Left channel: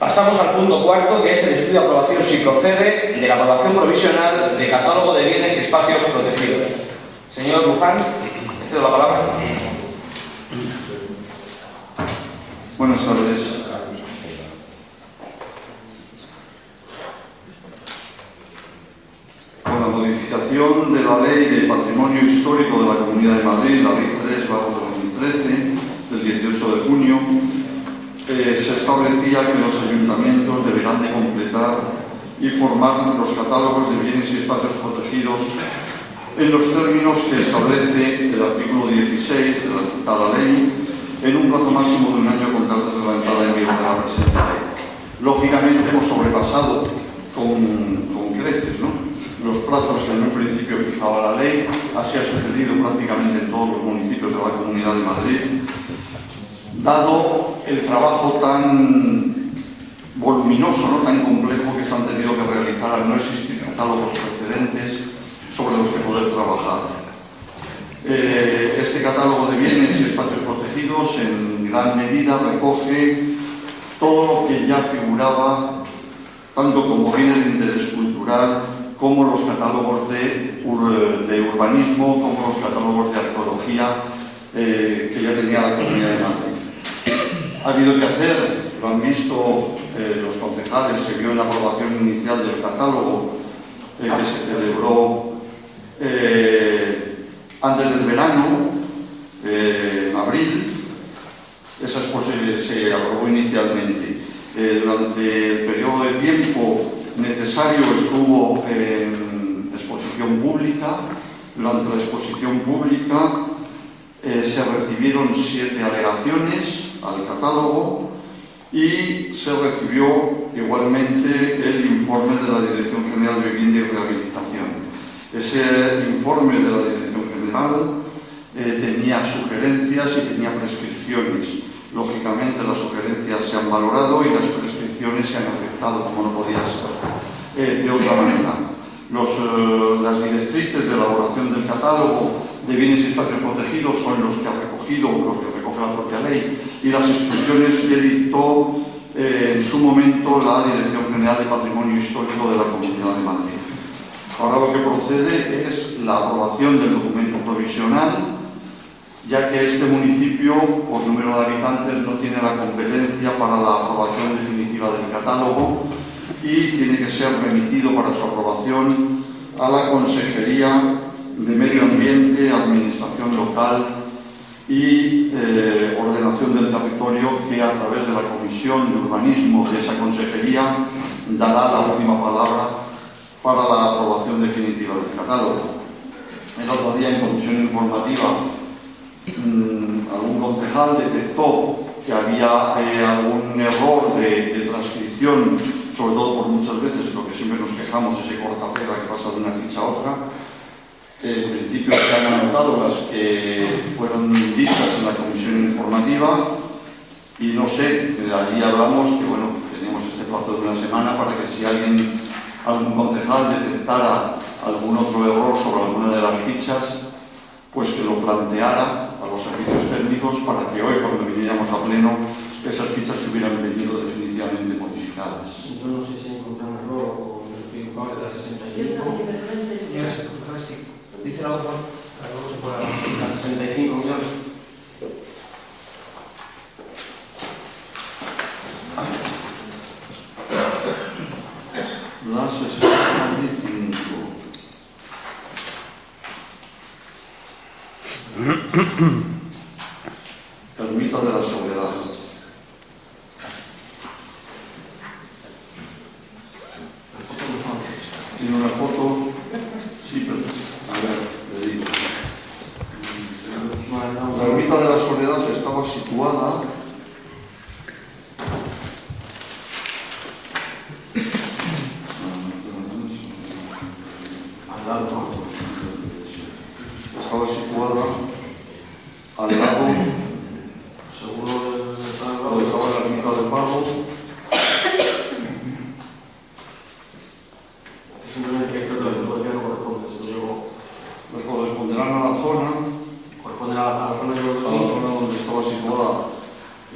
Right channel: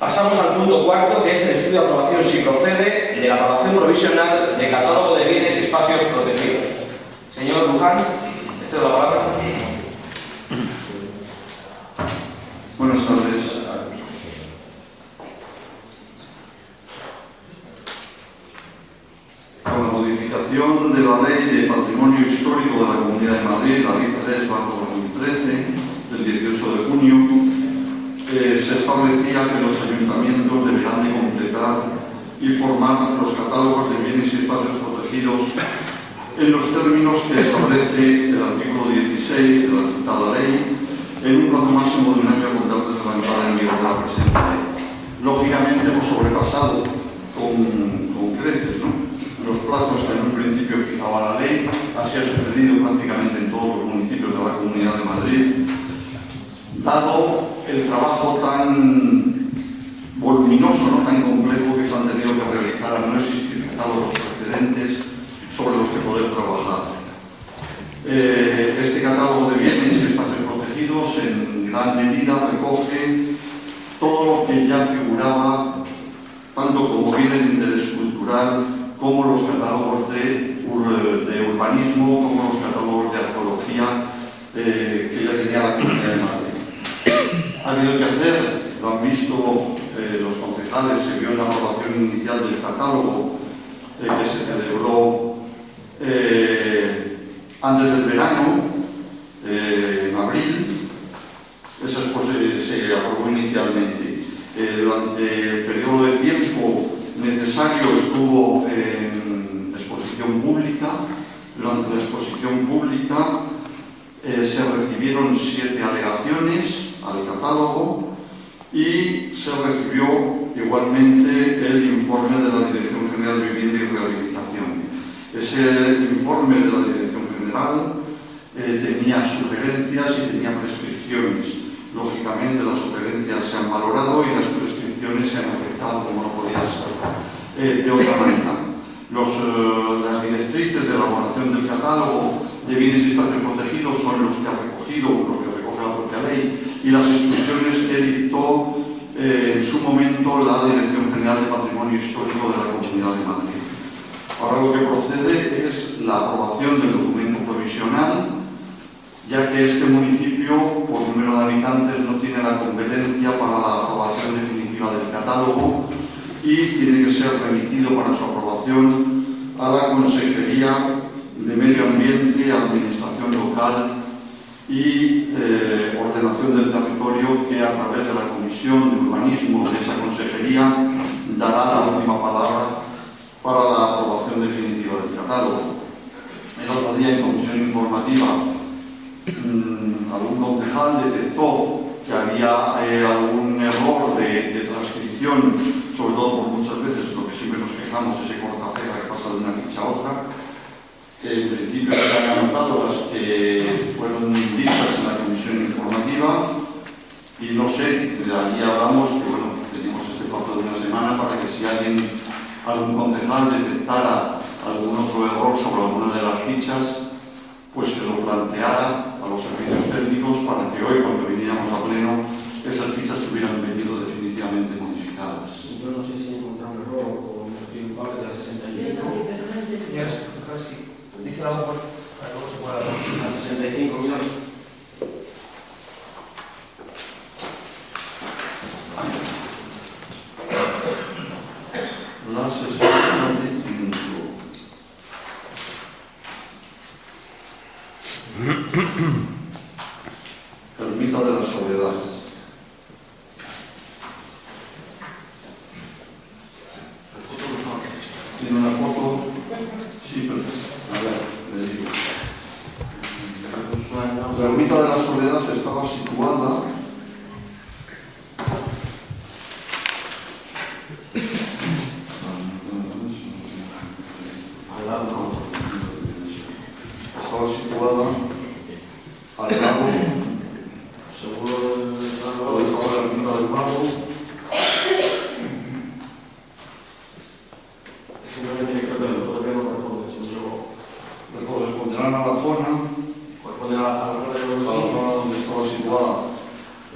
Pasamos al punto cuarto, que es el estudio de aprobación, si procede, de la aprobación provisional de catálogo de bienes y espacios protegidos. Señor Luján, le cedo la palabra. Buenas tardes. Con la modificación de la Ley de Patrimonio Histórico de la Comunidad de Madrid, la Ley 3/2013, del 18 de junio, se establecía que los ayuntamientos deberán de completar y formar los catálogos de bienes y espacios protegidos en los términos que establece el artículo 16 de la citada ley, en un plazo máximo de un año con cartas de la entrada en vigor de la presente ley. Lógicamente hemos sobrepasado con creces, ¿no?, los plazos que en un principio fijaba la ley. Así ha sucedido prácticamente en todos los municipios de la Comunidad de Madrid, dado el trabajo tan voluminoso, no tan complejo, que se han tenido que realizar al no existir catálogos precedentes sobre los que poder trabajar. Este catálogo de bienes y espacios protegidos en gran medida recoge todo lo que ya figuraba, tanto como bienes de interés cultural, como los catálogos de urbanismo, como los catálogos de arqueología que ya tenía la Comunidad de Madrid. Ha habido que hacer, lo han visto los concejales, se vio en la aprobación inicial del catálogo que se celebró antes del verano, en abril. Esa se aprobó inicialmente. Durante el periodo de tiempo necesario estuvo en exposición pública. Durante la exposición pública se recibieron 7 alegaciones al catálogo y se recibió igualmente el informe de la Dirección General de Vivienda y Rehabilitación. Ese informe de la Dirección General tenía sugerencias y tenía prescripciones. Lógicamente las sugerencias se han valorado y las prescripciones se han aceptado, como no podía ser de otra manera. Las directrices de elaboración del catálogo de bienes y espacios protegidos son los que recoge la propia ley, y las instrucciones que dictó en su momento la Dirección General de Patrimonio Histórico de la Comunidad de Madrid. Ahora lo que procede es la aprobación del documento provisional, ya que este municipio, por número de habitantes, no tiene la competencia para la aprobación definitiva del catálogo y tiene que ser remitido para su aprobación a la Consejería de Medio Ambiente, Administración Local y Ordenación del Territorio, que a través de la Comisión de Urbanismo de esa Consejería dará la última palabra para la aprobación definitiva del catálogo. El otro día, en comisión informativa, algún concejal detectó que había algún error de transcripción, sobre todo por muchas veces lo que siempre nos quejamos, ese cortapega que pasa de una ficha a otra. En principio se han anotado las que fueron vistas en la comisión informativa y no sé, allí hablamos que bueno, teníamos este plazo de una semana para que si algún concejal detectara algún otro error sobre alguna de las fichas, pues que lo planteara a los servicios técnicos para que hoy, cuando viniéramos a pleno, esas fichas se hubieran venido definitivamente modificadas. Yo no sé si he encontrado un error o me estoy equivocado de la 65. Señores, sí. Dice algo bueno, para que luego se pueda hablar. La 65 millones. La 65. Ermita de la Soledad. Tiene una foto. Sí, pero a ver, le digo. La Ermita de la Soledad estaba situada al lado seguro estaba la Ermita del Mago. Simplemente creo que todavía no corresponde. Le corresponderán a la zona. Corresponde a la zona de A la zona donde estaba situada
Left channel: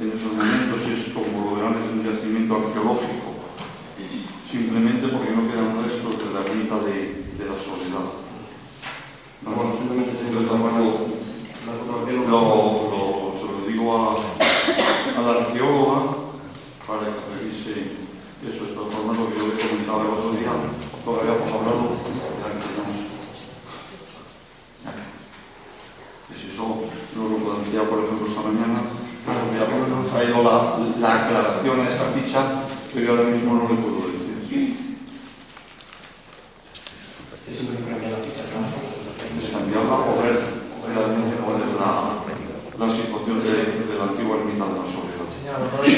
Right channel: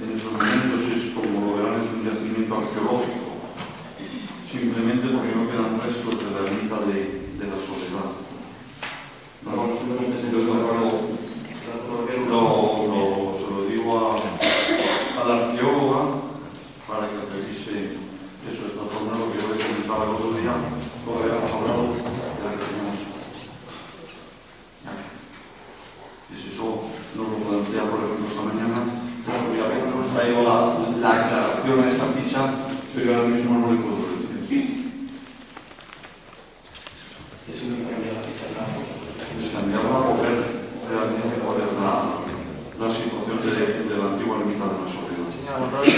en esos momentos, es como lo verán, es un yacimiento arqueológico traído la aclaración a esta ficha, pero ahora mismo no le puedo decir. Es la ficha, claro. Es cambiarla o ver realmente cuál es la situación de la antigua límite de la sociedad. Señora Monroy,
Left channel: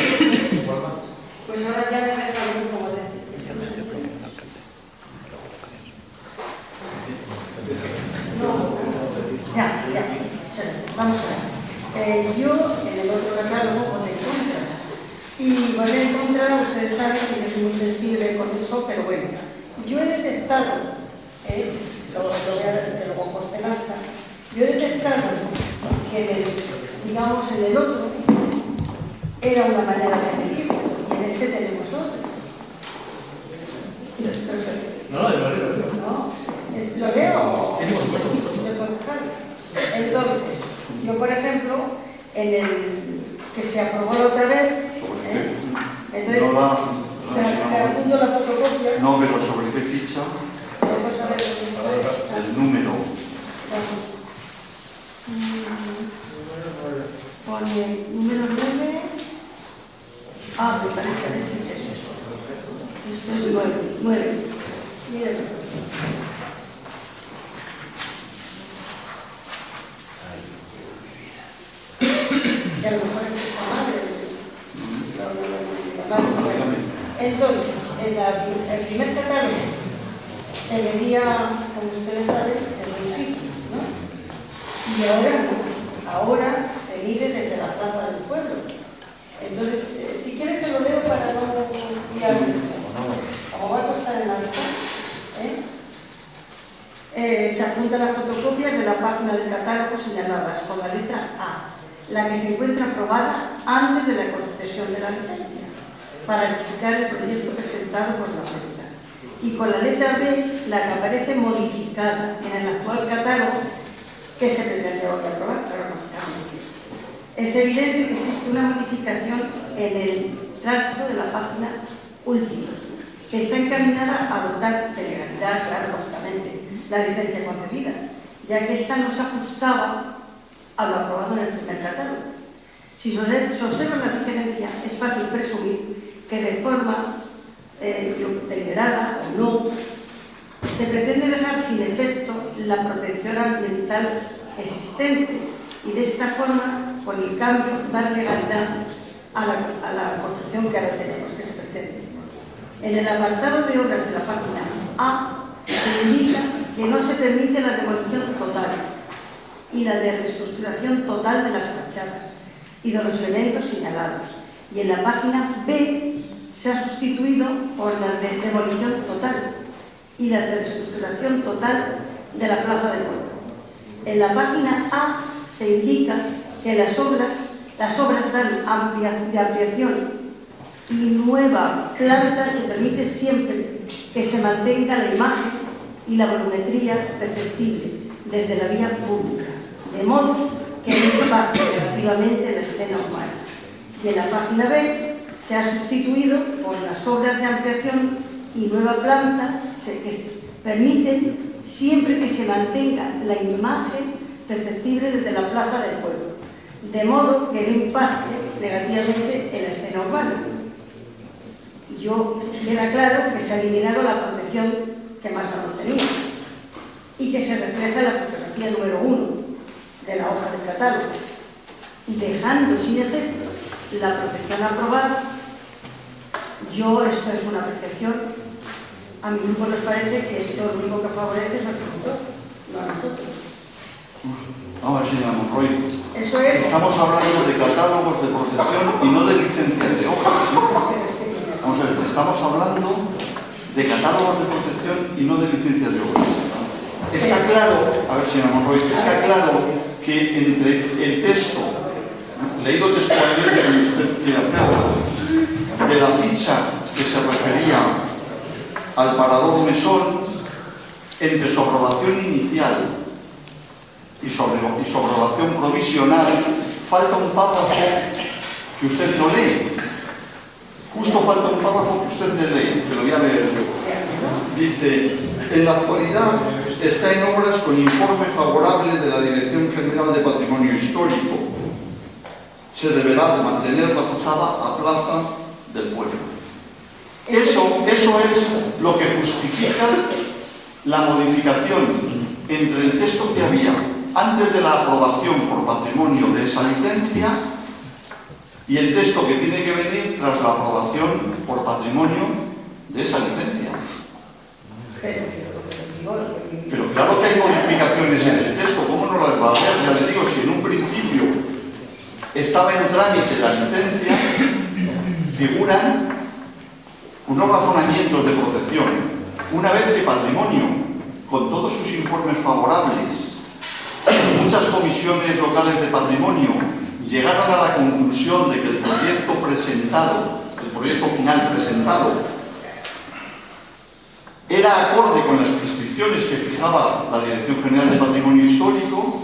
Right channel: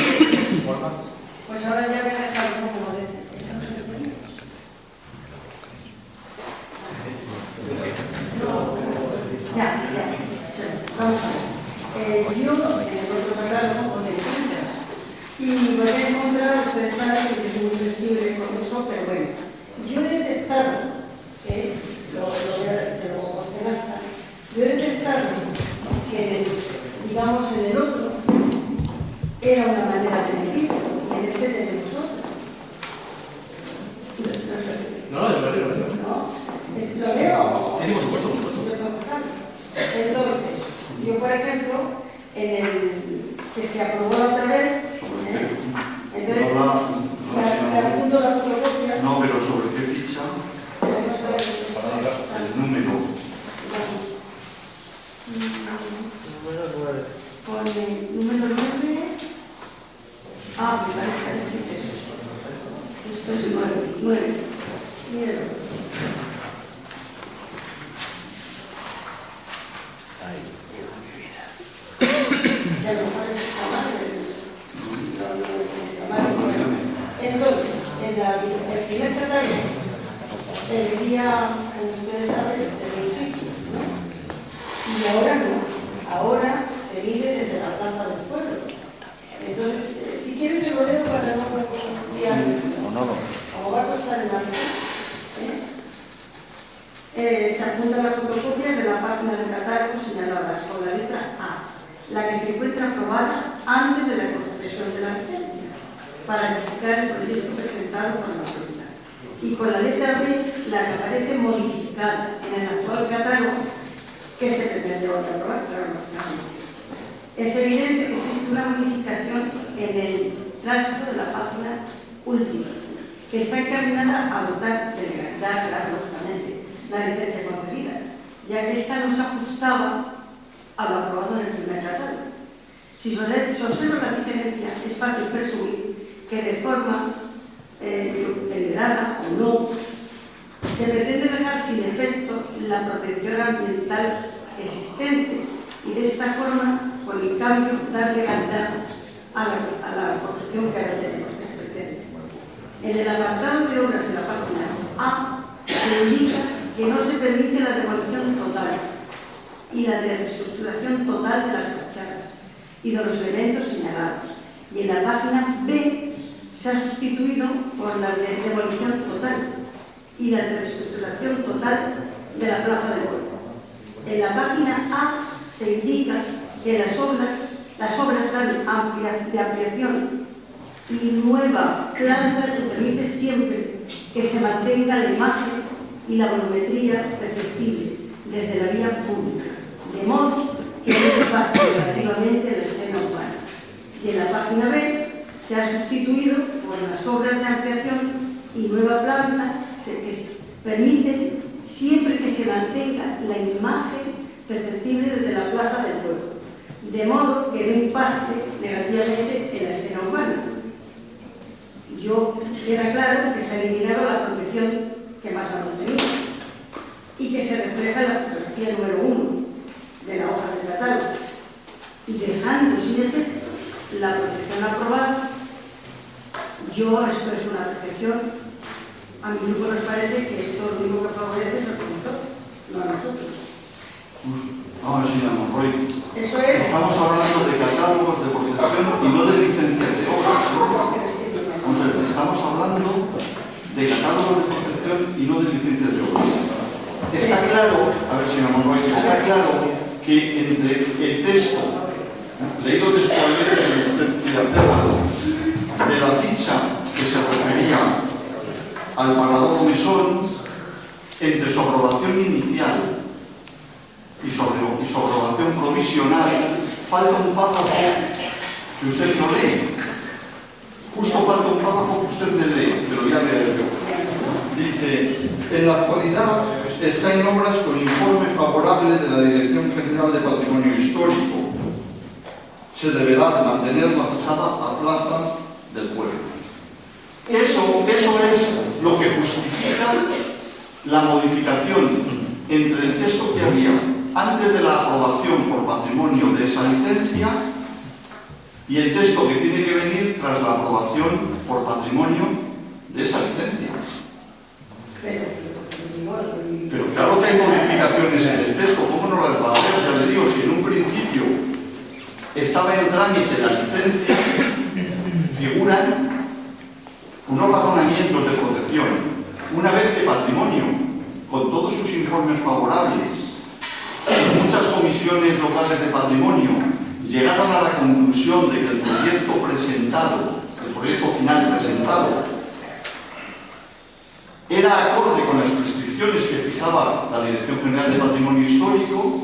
Walmart. Pues ahora ya me ha dejado como decir. ¿Esto no se entiende? No. Ya. Vamos a ver. Yo en el otro catálogo me encuentro. Y voy a encontrar, ustedes saben que es muy sensible con eso, pero bueno. Yo he detectado, lo de Compostelanza, yo he detectado que, digamos, en el otro era una manera de medir, y en este tenemos otra. No, lo leo. ¿Lo leo? Sí, por supuesto. Señor concejal. Entonces, yo, por ejemplo, en el que se aprobó la otra vez, entonces, apunto la fotocopia. No, pero ¿sobre qué ficha? Vamos a ver El número. Vamos. Pone número 9. Me parece que sí es eso. Esto es 9. Mírenlo. Y a lo mejor es esa madre. Entonces, el primer catálogo se vendía, como ustedes saben, desde un sitio, ¿no? Y ahora no. Ahora se mide desde la plaza del pueblo. Entonces, si quieres se lo leo para no guiar, como va a costar en la se apuntan las fotocopias de la página del catálogo señaladas con la letra A, la que se encuentra aprobada antes de la concesión de la licencia, para identificar el proyecto presentado por la Junta. Y con la letra B, la que aparece modificada en el actual catálogo que se pretende ahora aprobar, es evidente que existe una modificación en el tránsito de la página última, que está encaminada a dotar de legalidad, claro, lógicamente, la licencia concedida, ya que esta no se ajustaba a lo aprobado en el primer catálogo. Si se observa la diferencia, es fácil presumir que de forma deliberada o no, se pretende dejar sin efecto la protección ambiental existente y de esta forma, con el cambio, dar legalidad a la construcción que ahora tenemos, que se pretende. En el apartado de obras de la página A se indica que no se permite la demolición total y la de reestructuración total de las fachadas y de los elementos señalados. Y en la página B se ha sustituido por la de demolición total y la de reestructuración total de la plaza del pueblo. En la página A se indica que las obras de ampliación y nueva planta se permite siempre que se mantenga la imagen y la volumetría perceptible desde la vía pública, de modo que no impacte negativamente la escena urbana. Y en la página B se ha sustituido por las obras de ampliación y nueva planta que permiten siempre que se mantenga la imagen perceptible desde la plaza del pueblo, de modo que no impacte negativamente en la escena urbana. Yo queda claro que se ha eliminado la protección que más valor tenía y que se refleja en la fotografía número 1 de la hoja de catálogo, dejando sin efecto la protección aprobada. Esto es una percepción, a mi grupo nos parece que esto lo único que favorece es el promotor, no a nosotros. Vamos, señora Monroy. Eso es. Estamos hablando de catálogos de protección y no de licencias de obras. Vamos a ver, estamos hablando de catálogos de protección y no de licencias de obras. Está claro, a ver, señora Monroy, está claro que entre el texto, leído textualmente que usted quiere hacerlo, de la ficha que se refería al parador mesón, entre su aprobación inicial y su aprobación provisional, falta un párrafo que usted no lee. Justo falta un párrafo que usted le lee, pero ya leeré yo. Dice, en la actualidad está en obras con informe favorable de la Dirección General de Patrimonio Histórico. se deberá de mantener la fachada a Plaza del Pueblo. Eso es lo que justifica la modificación entre el texto que había antes de la aprobación por patrimonio de esa licencia y el texto que tiene que venir tras la aprobación por patrimonio de esa licencia. Pero claro que hay modificaciones en el texto, ¿cómo no las va a haber? Ya le digo, si en un principio estaba en trámite la licencia, figuran unos razonamientos de protección. Una vez que patrimonio, con todos sus informes favorables, muchas comisiones locales de patrimonio llegaron a la conclusión de que el proyecto presentado, el proyecto final presentado, era acorde con las prescripciones que fijaba la Dirección General de Patrimonio Histórico,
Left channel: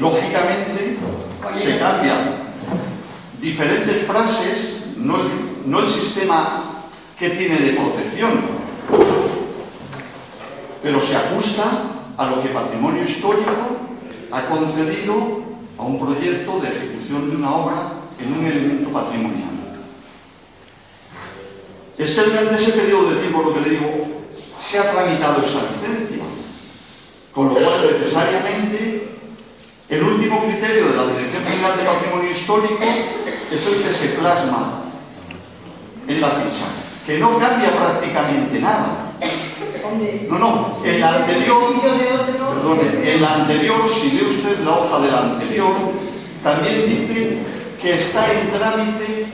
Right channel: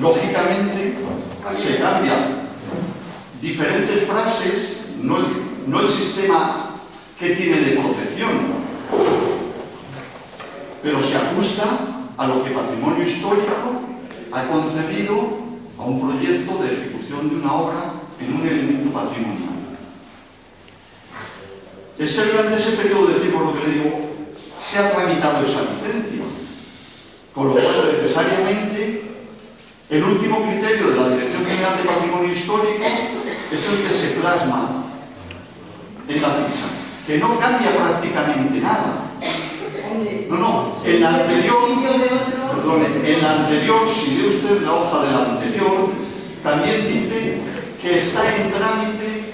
lógicamente se cambian diferentes frases, no el sistema que tiene de protección, pero se ajusta a lo que Patrimonio Histórico ha concedido a un proyecto de ejecución de una obra en un elemento patrimonial. Es que durante ese periodo de tiempo, lo que le digo, se ha tramitado esa licencia, con lo cual necesariamente el último criterio de la Dirección General de Patrimonio Histórico es el que se plasma en la ficha, que no cambia prácticamente nada. No, en la anterior, perdone, en la anterior, si lee usted la hoja de la anterior, también dice que está en trámite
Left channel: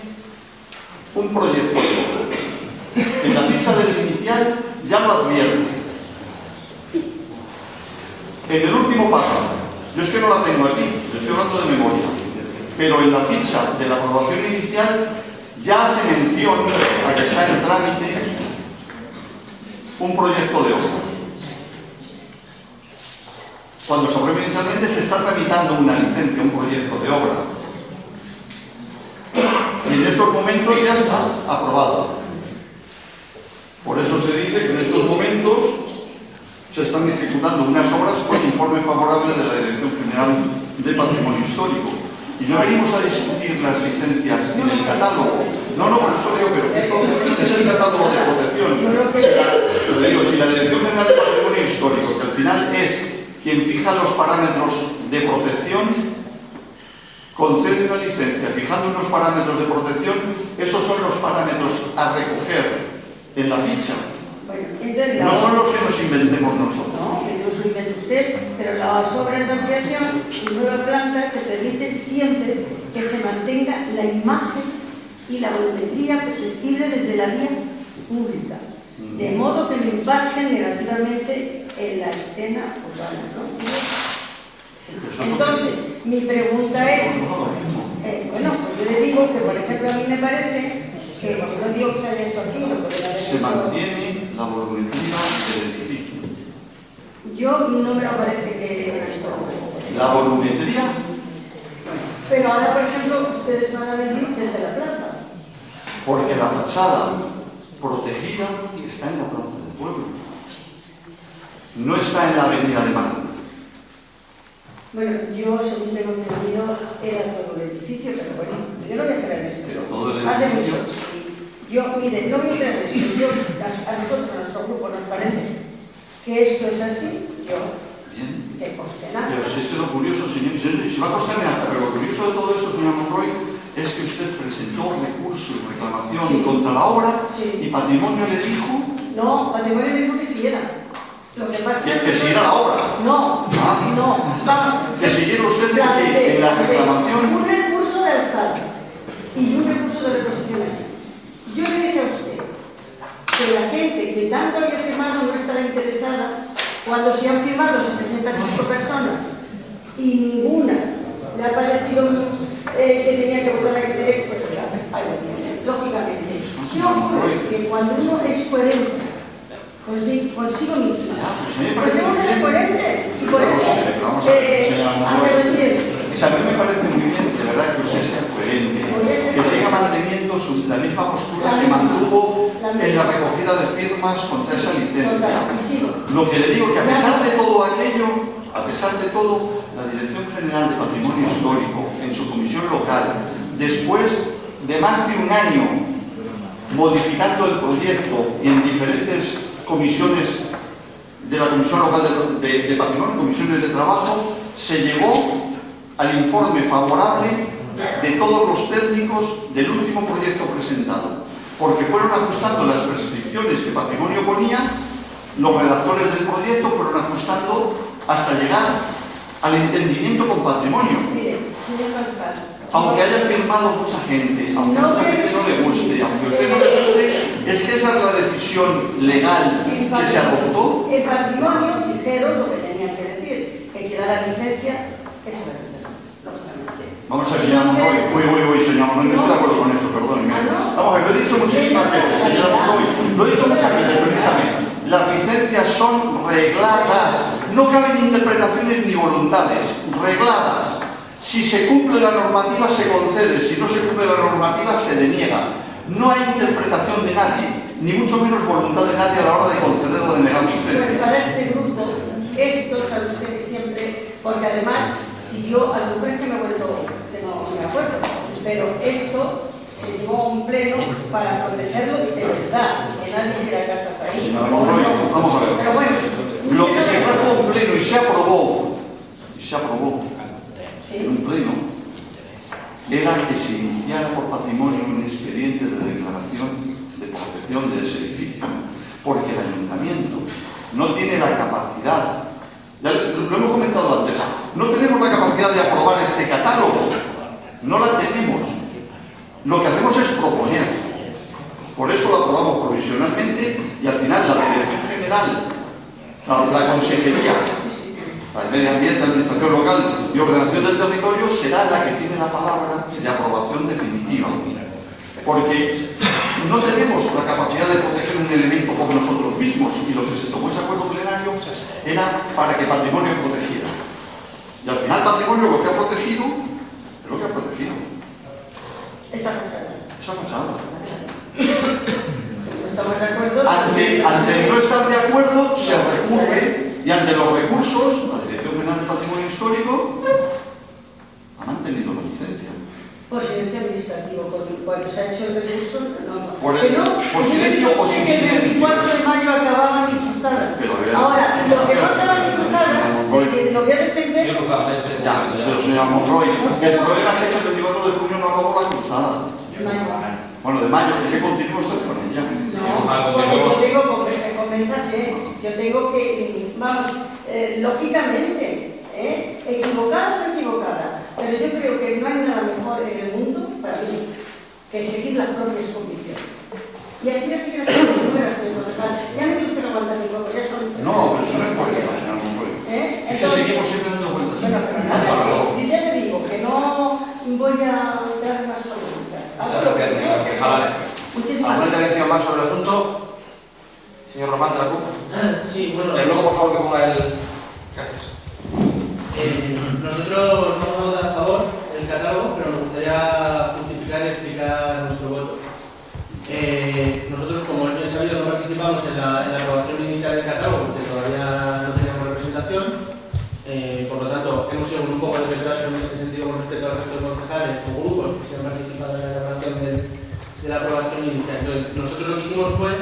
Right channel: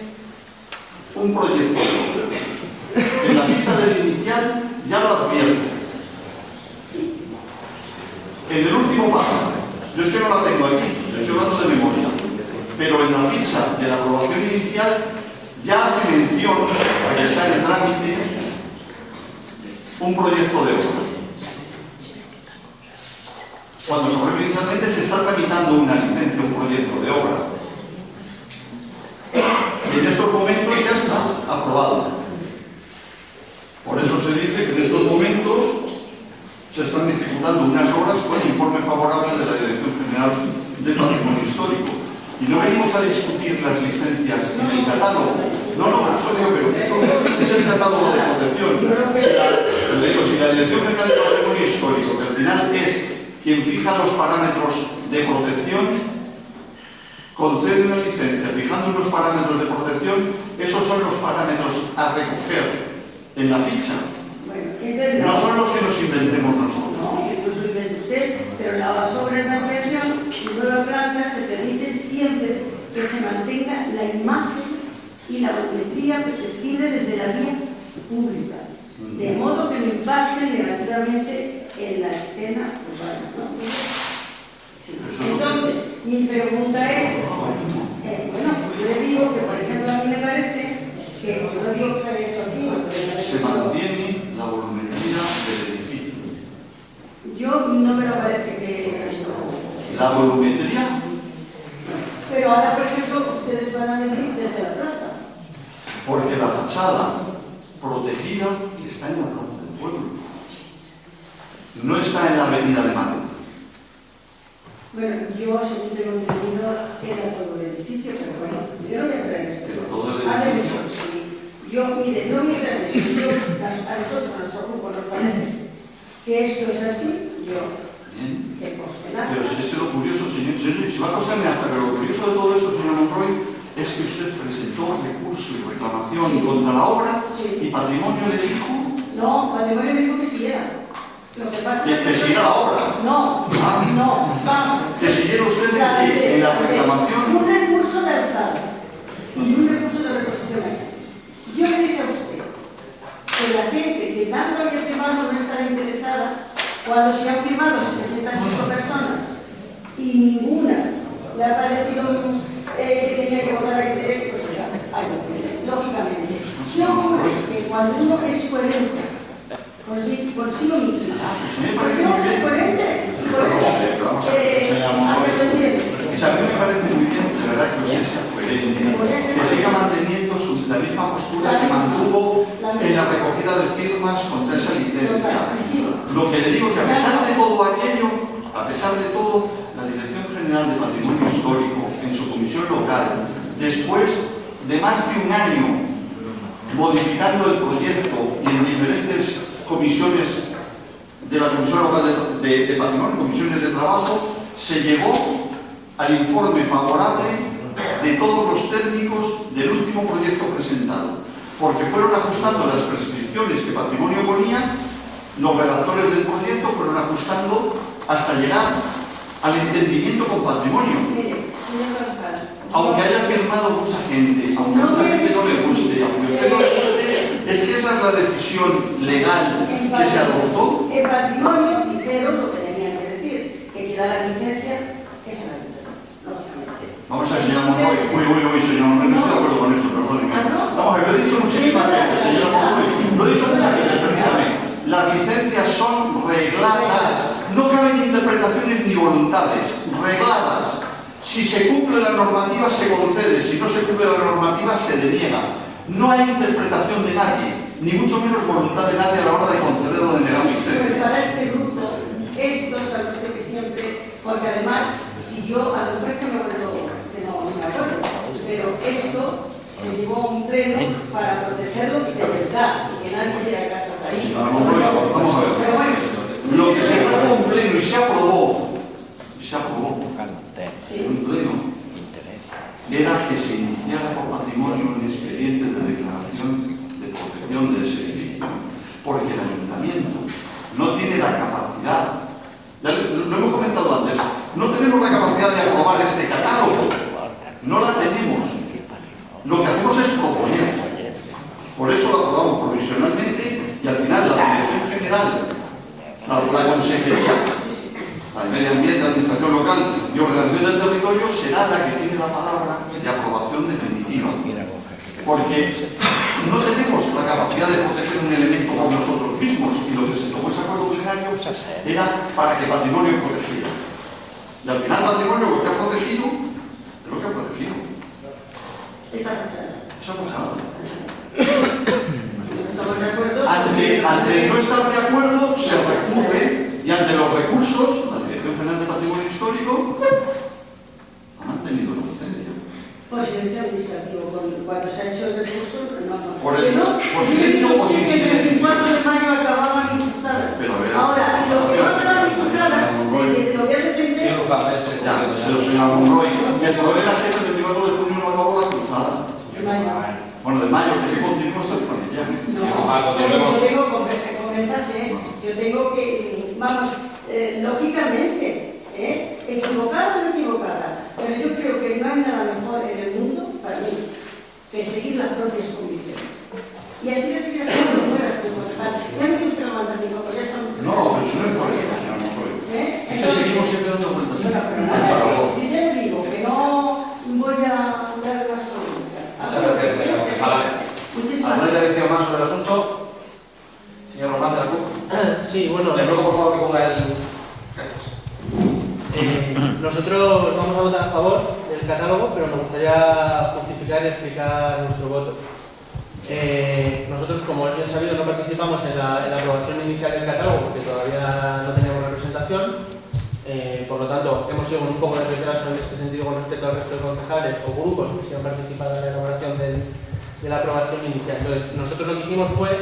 un proyecto. En la ficha del inicial ya lo advierte. En el último párrafo, yo es que no la tengo aquí, yo estoy hablando de memoria, pero en la ficha de la aprobación inicial ya hace mención a que está en trámite un proyecto de obra. Cuando se aprueba inicialmente se está tramitando una licencia, un proyecto de obra. Y en estos momentos ya está aprobado. Por eso se dice que en estos momentos se están ejecutando unas obras con informe favorable de la Dirección General de Patrimonio Histórico. Y no venimos a discutir las licencias en el catálogo. No, por eso digo, pero esto es el catálogo de protección. Le digo, si la Dirección General de Patrimonio Histórico, que al final es quien fija los parámetros de protección, concede una licencia fijando unos parámetros de protección, esos son los parámetros a recoger en la ficha. No son los que nos inventemos nosotros. No, que no se invente usted, pero las obras de ampliación y nueva planta se permiten siempre que se mantenga la imagen y la volumetría perceptible desde la vía pública, de modo que no impacten negativamente en la escena urbana, ¿no? Sí. Entonces, mi pregunta es, bueno, pues yo le digo que, por ejemplo, a mí me parece que, no digo que se haya hecho aquí, se mantiene la volumetría del edificio. Yo no me parece que esto... ¿La volumetría? Pero ahora, por ejemplo, ustedes van a venir desde la plaza. Porque la fachada protegida está en la Plaza del Pueblo. No está en la Avenida de Madrid. Bueno, yo, según tengo entendido, era todo el edificio, pero bueno, yo no voy a entrar en esto. Pero todo el edificio. Sí. Yo, mire, no voy a entrar en esto. A nosotros, a nuestro grupo, nos parece que esto es así. Yo, bien. que coste nada. Pero si es que lo curioso, señor, se va a costarme hasta, pero lo curioso de todo esto, señor Monroy, es que usted presentó recurso y reclamación contra la obra y Patrimonio le dijo... No, Patrimonio me dijo que siguiera. Lo que pasa es que siguiera la obra. No, vamos. Que siguiera usted en la reclamación. Un recurso de alzada y un recurso de reposición. Yo le dije a usted que la gente que tanto había firmado no estaba interesada cuando se han firmado 705 personas y ninguna le ha parecido que tenía que votar a que tenía, pues lógicamente. ¿Qué ocurre? Que cuando uno es coherente consigo mismo, pues tengo que ser coherente y por eso a mí me parece muy bien, de verdad, que usted sea coherente, que siga manteniendo la misma postura que mantuvo en la recogida de firmas contra esa licencia. Lo que le digo que a pesar de todo aquello, A pesar de todo, la Dirección General de Patrimonio Histórico, en su comisión local, después de más de un año modificando el proyecto y en diferentes comisiones de la Comisión Local de Patrimonio, comisiones de trabajo, se llevó al informe favorable de todos los técnicos del último proyecto presentado, porque fueron ajustando las prescripciones que Patrimonio ponía, los redactores del proyecto fueron ajustando hasta llegar al entendimiento con Patrimonio. Mire, señor González, Aunque haya firmado mucha gente, aunque a mucha gente no le guste, aunque a usted no le guste, es que esa es la decisión legal que se adoptó. En Patrimonio dijeron lo que tenían que decir, que queda la licencia, esa es lógicamente. Vamos a ver, señora Monroy. Uy, señora Monroy, no estoy de acuerdo con eso, perdóneme. Vamos a ver, lo he dicho muchísimas veces, señora Monroy. Lo he dicho muchas veces, permítame. Las licencias son regladas, no caben interpretaciones ni voluntades, regladas. Si se cumple la normativa se concede, si no se cumple la normativa se deniega. No hay interpretación de nadie, ni mucho menos voluntad de nadie a la hora de conceder o de negar licencia. Pues para este grupo, esto sabe usted que siempre, porque además, si yo a lo mejor que me he vuelto que no me acuerdo, pero esto se llevó a un pleno para protegerlo de verdad, y que nadie tuviera casas ahí. Vamos a ver. Pero bueno, Lo que se trajo a un pleno y se aprobó, sí. en un pleno, era que se iniciara por Patrimonio un expediente de declaración de protección de ese edificio, porque el ayuntamiento no tiene la capacidad, ya lo hemos comentado antes, no tenemos la capacidad de aprobar este catálogo, no la tenemos. Lo que hacemos es proponer. Por eso lo aprobamos provisionalmente y al final la Dirección General, la Consejería, la de Medio Ambiente, Administración Local y Ordenación del Territorio será la que tiene la palabra de aprobación definitiva. Porque no tenemos la capacidad de proteger un elemento por nosotros mismos y lo que se tomó ese acuerdo plenario era para que Patrimonio protegiera. Y al final Patrimonio lo que ha protegido es lo que ha protegido. Esa fachada. Esa fachada. No estamos de acuerdo. Ante no estar de acuerdo, se recurre y ante los recursos, la Dirección General de Patrimonio Histórico ha mantenido la licencia. Por silencio administrativo, cuando se ha hecho el recurso, no. Por silencio o sin que el silencio. 24 de mayo acababa mi cruzada. Pero vea, ahora, lo que va a acabar mi cruzada, de lo que has defender. Señor Luján, ven usted un Ya, momento, pero señora Monroy, el problema es que el 24 de junio no acabó la cruzada. Bueno, de mayo, que continúe usted con ella. Yo tengo que, vamos, lógicamente, equivocada o no equivocada, pero yo creo que no hay nada mejor en el mundo, para mí, que seguir las propias convicciones. Y así las seguir haciendo muy buenas, señor concejal. Ya me dio usted la manda mi poco, ya son... No, pero eso no es por eso, señora Monroy. Es que seguimos siempre dando vueltas. Bueno, pero nada, yo ya le digo que no voy a dar las preguntas. Muchas gracias, señor concejal. Muchísimas ¿Alguna gracias. intervención más sobre el asunto? Señor Román de la CUP. Sí, bueno, Le ruego, por favor, que ponga el... Gracias. nosotros vamos a votar a favor del catálogo, pero me gustaría justificar y explicar nuestro voto. Nosotros, como es bien sabido, no participamos en la aprobación inicial del catálogo porque todavía no teníamos representación. Por lo tanto, hemos ido con un poco de retraso en este sentido con respecto al resto de concejales o grupos que se han participado en la elaboración de la aprobación inicial. Entonces, nosotros lo que hicimos fue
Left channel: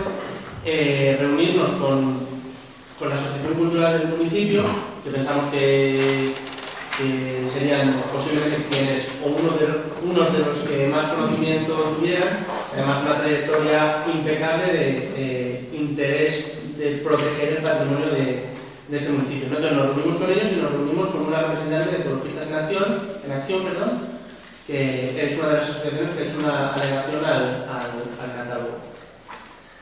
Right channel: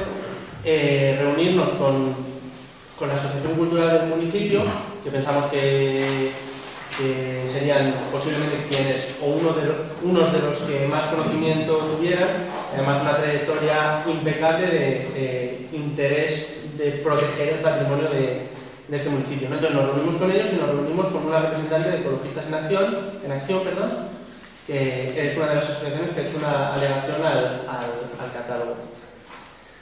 reunirnos con la Asociación Cultural del municipio, que pensamos que serían posiblemente quienes, o unos de los que más conocimiento tuvieran, además una trayectoria impecable de interés de proteger el patrimonio de este municipio, ¿no? Entonces nos reunimos con ellos y nos reunimos con una representante de Ecologistas en Acción, que es una de las asociaciones que ha hecho una alegación al catálogo.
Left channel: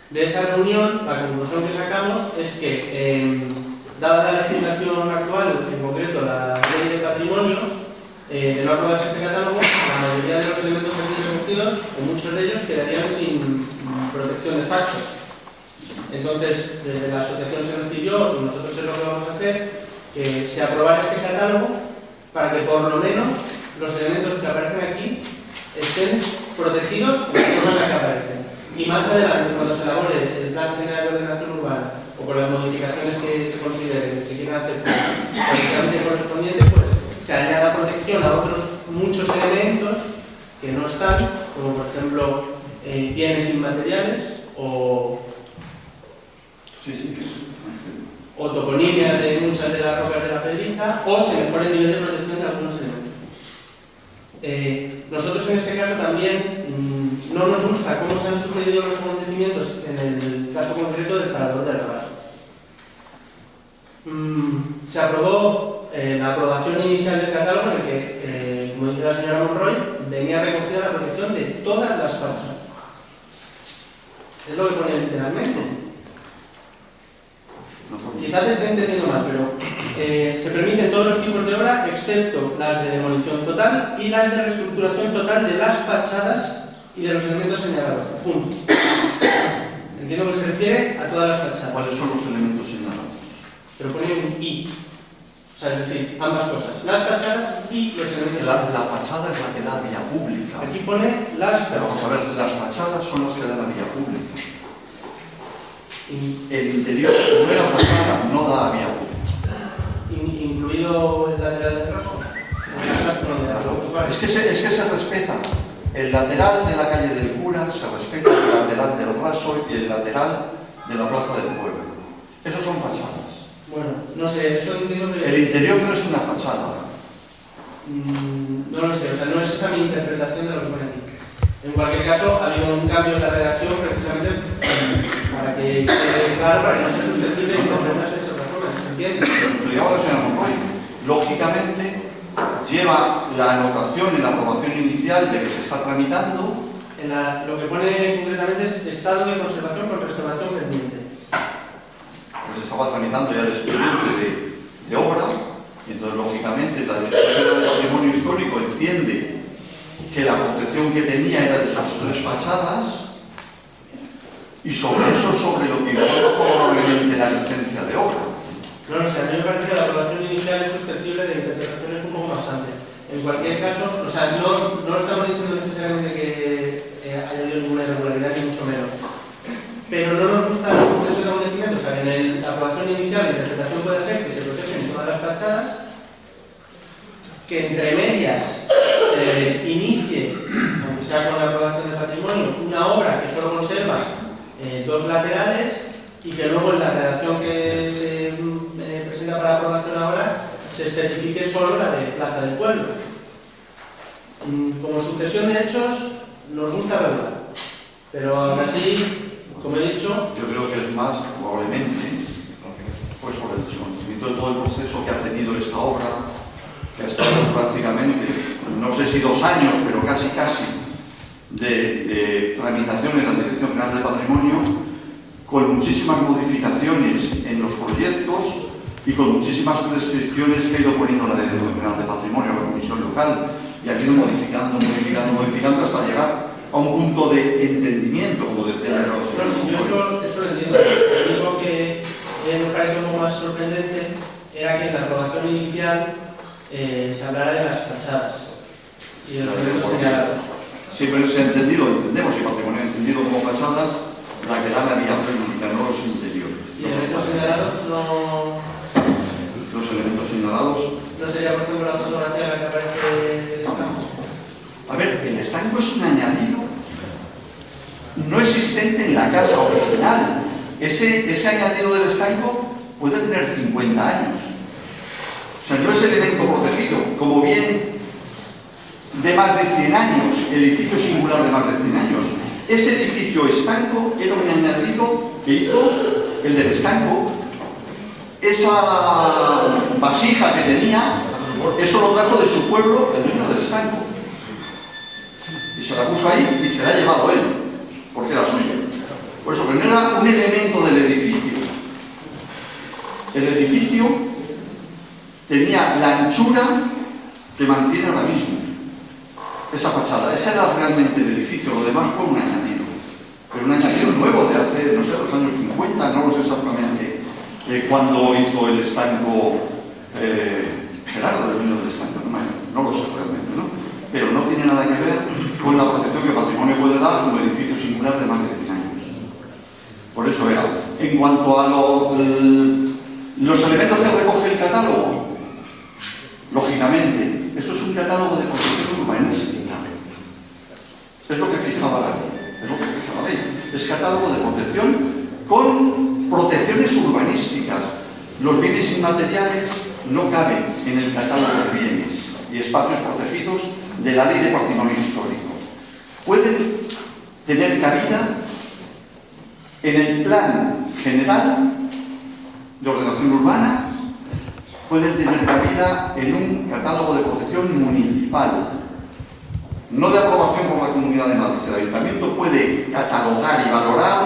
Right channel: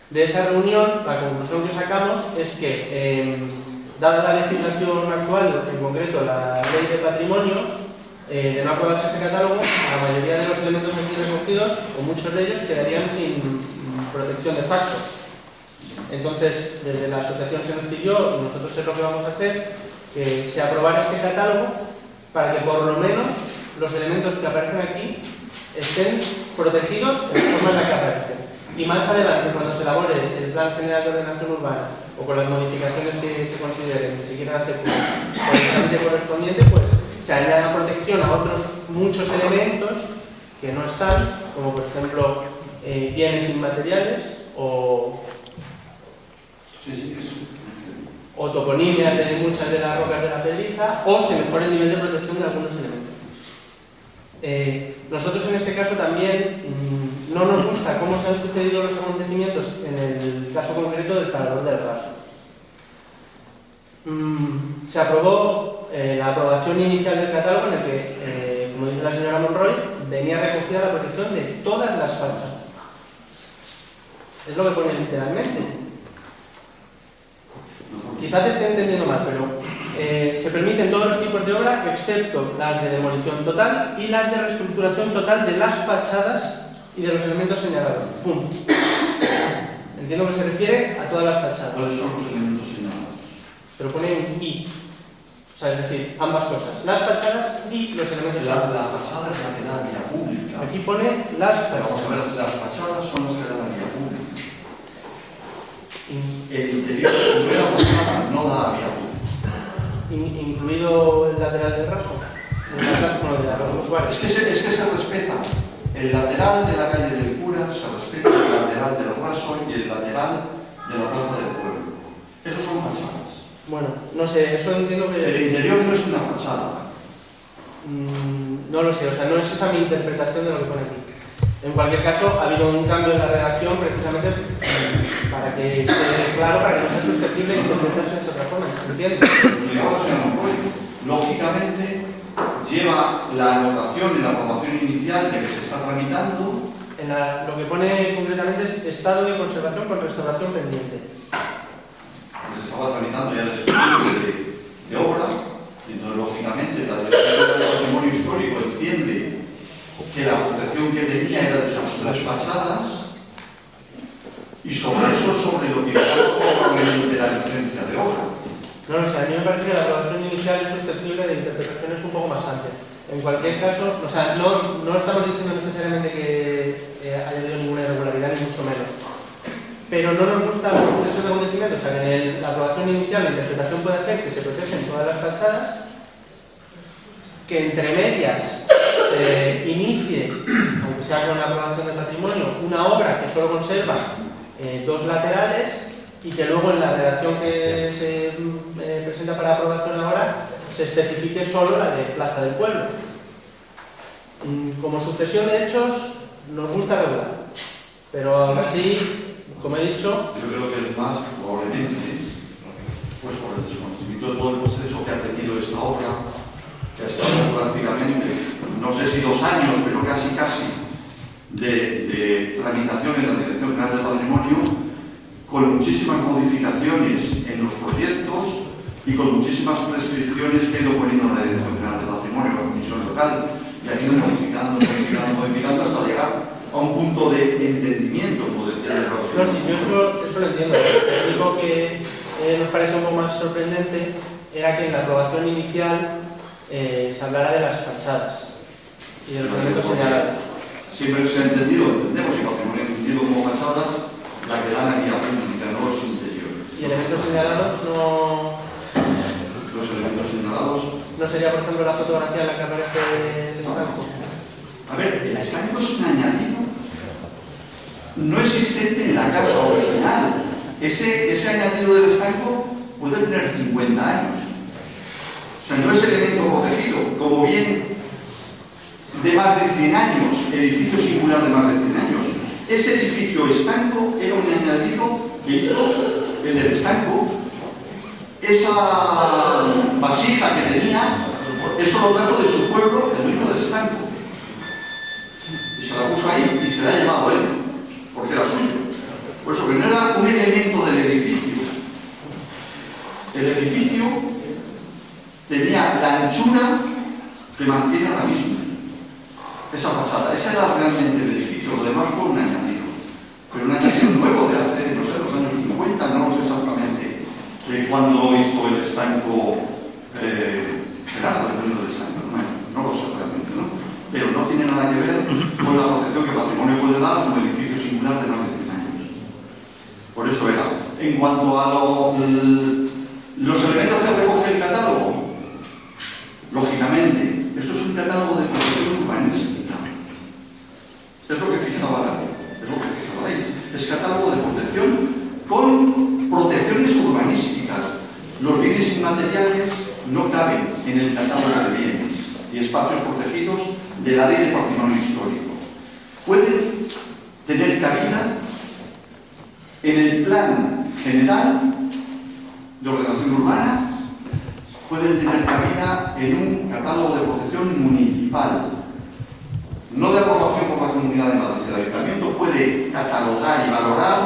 De esa reunión, la conclusión que sacamos es que, dada la legislación actual, en concreto la ley de patrimonio, de no aprobarse este catálogo, la mayoría de los elementos aquí recogidos, o muchos de ellos, quedarían sin protección de facto. Entonces, desde la asociación se nos pidió, y nosotros es lo que vamos a hacer, que se aprobara este catálogo para que por lo menos los elementos que aparecen aquí estén protegidos en la forma en la que aparecen. Y más adelante, cuando se elabore el Plan General de Ordenación Urbana o con las modificaciones que se consideren que se quieran hacer por el trámite correspondiente, pues se añada protección a otros muchos elementos que no están, como por ejemplo bienes inmateriales o toponimias de muchas de las rocas de la pedriza, o se mejora el nivel de protección de algunos elementos. Nosotros en este caso también no nos gusta cómo se han sucedido los acontecimientos en el caso concreto del Parador del Raso. Se aprobó la aprobación inicial del catálogo en el que, como dice la señora Monroy, venía recogida la protección de todas las fachadas. Es lo que pone literalmente. Quizás esté entendiendo mal, pero se permiten todos los tipos de obra excepto las de demolición total y las de reestructuración total de las fachadas y de los elementos señalados. Punto. Entiendo que se refiere a todas las fachadas. ¿Cuáles son los elementos señalados? Pero pone un y. O sea, es decir, ambas cosas. Las fachadas y los elementos señalados. La fachada es la que da vía pública. Aquí pone las fachadas. Vamos a ver, las fachadas son las que dan la vía pública. El interior de la fachada no da vía pública. Incluido el lateral del raso. Es que se respeta el lateral de la calle del Cura, se respeta el lateral del Raso y el lateral de la Plaza del Pueblo. Esos son fachadas. Bueno, no sé, eso entiendo que... El interior no es una fachada. No lo sé, o sea, no es esa mi interpretación de lo que pone aquí. En cualquier caso, ha habido un cambio en la redacción precisamente para que quede claro, para que no sea susceptible de interpretarse de otra forma. ¿Entiendes? Lo llamo la señora Monroy. Lógicamente, lleva la anotación en la aprobación inicial de que se está tramitando. Lo que pone concretamente es estado de conservación con restauración pendiente. Pues estaba tramitando ya el expediente de obra, y entonces, lógicamente, la Dirección del Patrimonio Histórico entiende que la protección que tenía era de sus tres fachadas, y sobre eso, sobre lo que iba probablemente la licencia de obra. No lo sé, a mí me parece que la aprobación inicial es susceptible de interpretaciones un poco más amplias. En cualquier caso, o sea, no estamos diciendo necesariamente que haya habido ninguna irregularidad, ni mucho menos. Pero no nos gusta el proceso de acontecimiento. O sea, en la aprobación inicial la interpretación puede ser que se protegen todas las fachadas, que entre medias se inicie, aunque sea con la aprobación de patrimonio, una obra que solo conserva dos laterales, y que luego en la redacción que se presenta para aprobación ahora se especifique solo la de Plaza del Pueblo. Como sucesión de hechos nos gusta regular, pero aún así, como he dicho... Yo creo que es más, probablemente, pues por el desconocimiento de todo el proceso que ha tenido esta obra, que ha estado prácticamente, no sé si 2 años, pero casi, de tramitación en la Dirección General de Patrimonio, con muchísimas modificaciones en los proyectos y con muchísimas prescripciones que ha ido poniendo la Dirección General de Patrimonio, la Comisión Local, y ha ido modificando hasta llegar a un punto de entendimiento, como decía la No, sí, yo eso lo entiendo. Lo único que nos parece un poco más sorprendente era que en la aprobación inicial se hablara de las fachadas y de los elementos señalados. Sí, pero se ha entendido, entendemos, y patrimonio entendido como fachadas, la que da la vía pública, no los interiores. ¿Y elementos señalados no...? Los elementos señalados... ¿No sería, por ejemplo, la fotografía en la que aparece el estanco? A ver, el estanco es un añadido no existente en la casa original. Ese añadido del estanco puede tener 50 años. O sea, no es elemento protegido. Como bien de más de 100 años, edificio singular de más de 100 años, ese edificio estanco era un añadido que hizo el del estanco. Esa vasija que tenía, eso lo trajo de su pueblo, el dueño del estanco. Y se la puso ahí y se la ha llevado él, porque era suyo. Por eso que no era un elemento del edificio. El edificio tenía la anchura que mantiene ahora mismo. Esa fachada, ese era realmente el edificio, lo demás fue un añadido. Pero un añadido nuevo de hace, no sé, los años 50, no lo sé exactamente cuándo hizo el estanco Gerardo, el dueño del estanco, no lo sé realmente, ¿no? Pero no tiene nada que ver con la protección que patrimonio puede dar a un edificio singular de más de 100 En cuanto a los elementos que recoge el catálogo, lógicamente, esto es un catálogo de protección urbanística. Es lo que fijaba la ley. Es catálogo de protección con protecciones urbanísticas. Los bienes inmateriales no caben en el catálogo de bienes y espacios protegidos de la Ley de Patrimonio Histórico. Pueden tener cabida en el Plan General de Ordenación Urbana, pueden tener cabida en un catálogo de protección municipal, no de aprobación por la Comunidad de Madrid. El Ayuntamiento puede catalogar y valorar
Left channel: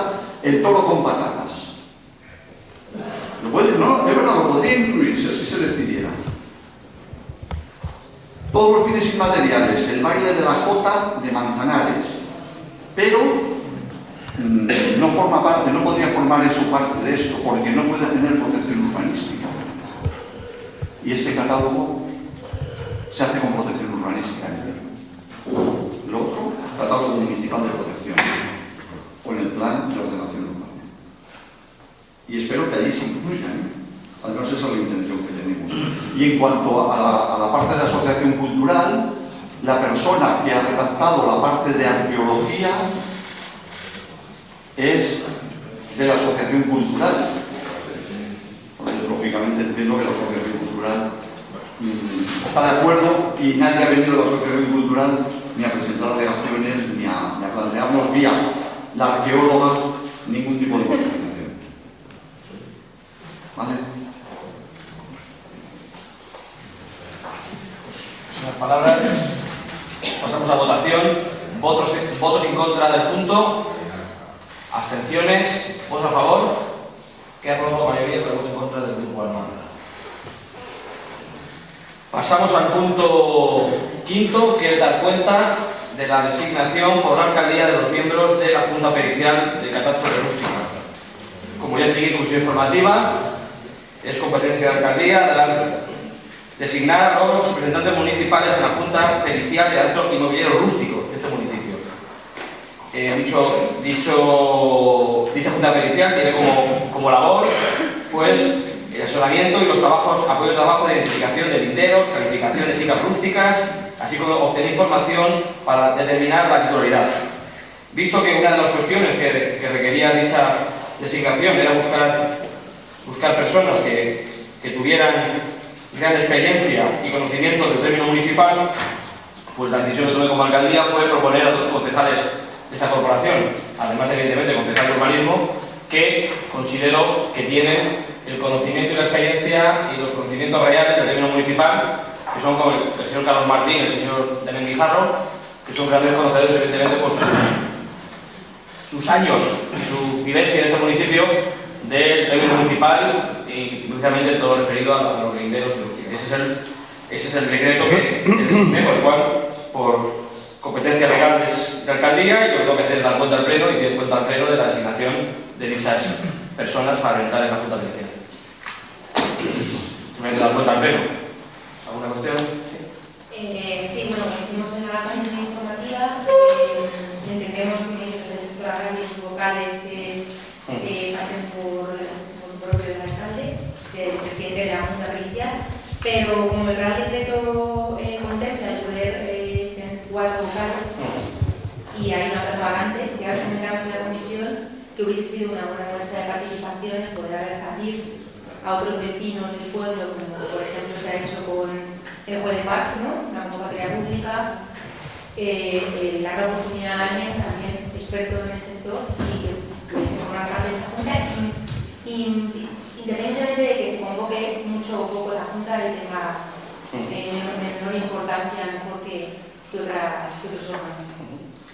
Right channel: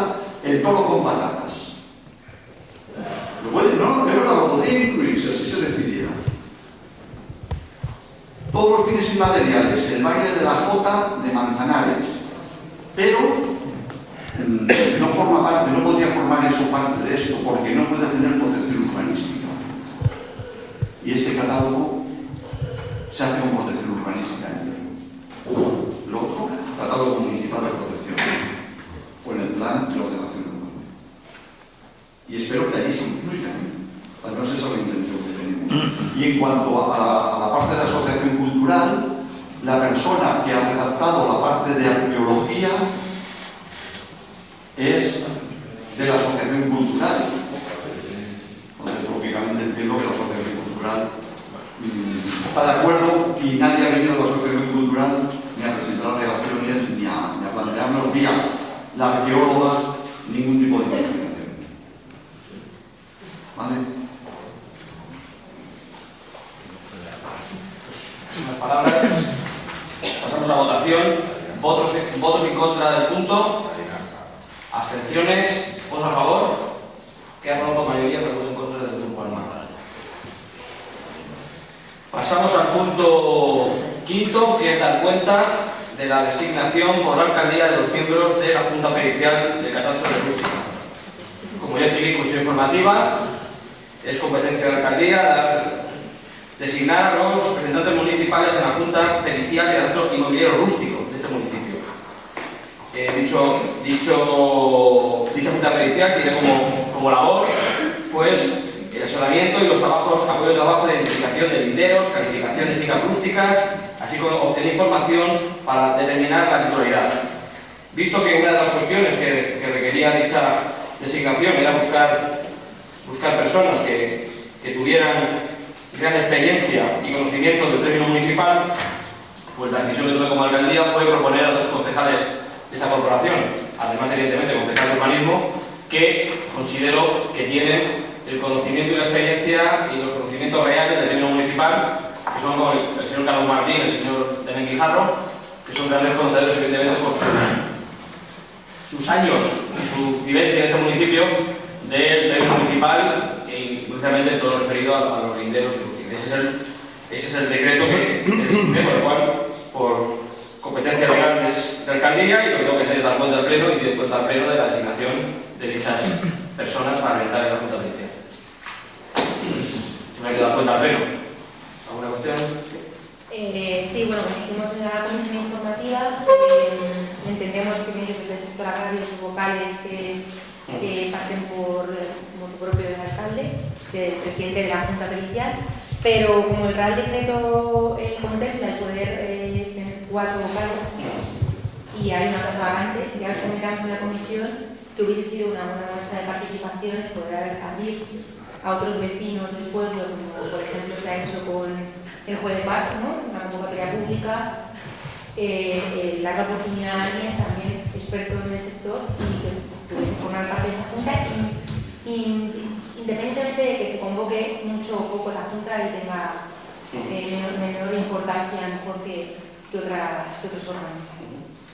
el toro con patatas. Lo puede, no, es verdad, lo podría incluir si así se decidiera. Todos los bienes inmateriales, el baile de la Jota de Manzanares, pero no forma parte, no podría formar eso parte de esto, porque no puede tener protección urbanística. Y este catálogo se hace con protección urbanística en términos. Lo otro, catálogo municipal de protección, con el plan de ordenación urbana. Y espero que allí se incluyan, al menos esa es la intención que tenemos. Y en cuanto a la parte de asociación cultural, la persona que ha redactado la parte de arqueología es de la asociación cultural. Entonces, lógicamente, entiendo que la asociación cultural está de acuerdo y nadie ha venido de la asociación cultural ni a presentar alegaciones ni a plantearnos vía la arqueóloga ningún tipo de modificación. ¿Vale? Sin las palabras, pasamos a votación. Votos en contra del punto. Abstenciones. ¿Votos a favor? Queda aprobado por mayoría, pero voto en contra del grupo Armando. Pasamos al punto quinto, que es dar cuenta de la designación por la alcaldía de los miembros de la Junta Pericial del Catastro de Rústica. Como ya expliqué en comisión informativa, es competencia de la alcaldía designar a los representantes municipales en la Junta Pericial de Catastro Inmobiliario Rústico de este municipio. Dicha Junta Pericial tiene como labor, pues, el asesoramiento y los trabajos, apoyo de trabajo de identificación de linderos, calificación de fincas rústicas, así como obtener información para determinar la titularidad. Visto que una de las cuestiones que requería dicha designación era buscar personas que tuvieran gran experiencia y conocimiento del término municipal, pues la decisión que tomé como alcaldía fue proponer a dos concejales de esta corporación, además evidentemente concejal de urbanismo, que considero que tienen el conocimiento y la experiencia y los conocimientos reales del término municipal, que son como el señor Carlos Martín y el señor Demian Guijarro, que son grandes conocedores evidentemente por sus años y su vivencia en este municipio del término municipal y especialmente todo lo referido a los linderos. Ese es el decreto que designé, por el cual, por competencia legal de alcaldía, y lo que tengo que hacer es dar cuenta al pleno y dar cuenta al pleno de la designación de dichas personas para entrar en la Junta Pericial. ¿Me hay que dar cuenta al pleno? ¿Alguna cuestión? Sí, bueno, como hicimos en la comisión informativa, entendemos que desde el sector agrario sus vocales que parten por motu propio del alcalde, del presidente de la Junta Pericial, pero como el Real Decreto contempla el poder tener 4 vocales y hay una plaza vacante, ya os comentamos en la comisión que hubiese sido una buena muestra de participación el poder abrir a otros vecinos del pueblo, como por ejemplo se ha hecho con el Juez de Paz, ¿no? Una convocatoria pública, dar la oportunidad a alguien también experto en el sector y que pudiese formar parte de esta Junta, independientemente de que se convoque mucho o poco la Junta y tenga menor importancia a lo mejor que otros órganos.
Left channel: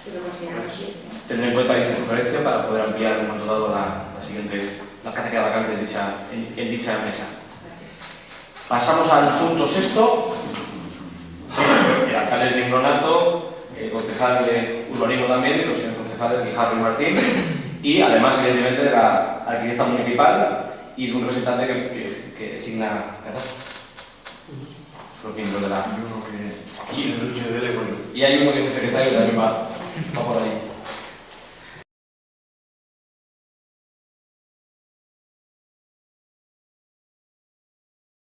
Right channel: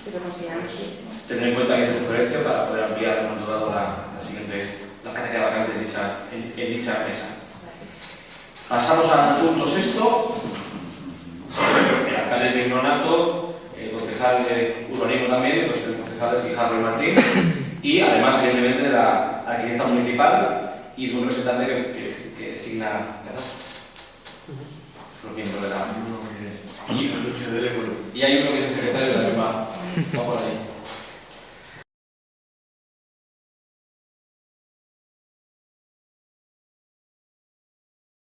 Lo que consideramos que, ¿no? Tener en cuenta dicha sugerencia para poder ampliar, como han dado la plaza que queda vacante en dicha mesa. Pasamos al punto sexto. Sí, el alcalde es Digno Nato, el concejal de urbanismo también, y los concejales Guijarro y Martín, y además, evidentemente, de la arquitecta municipal y de un representante que designa catastro. Son los miembros de la. Y hay uno que es el secretario, también va por ahí.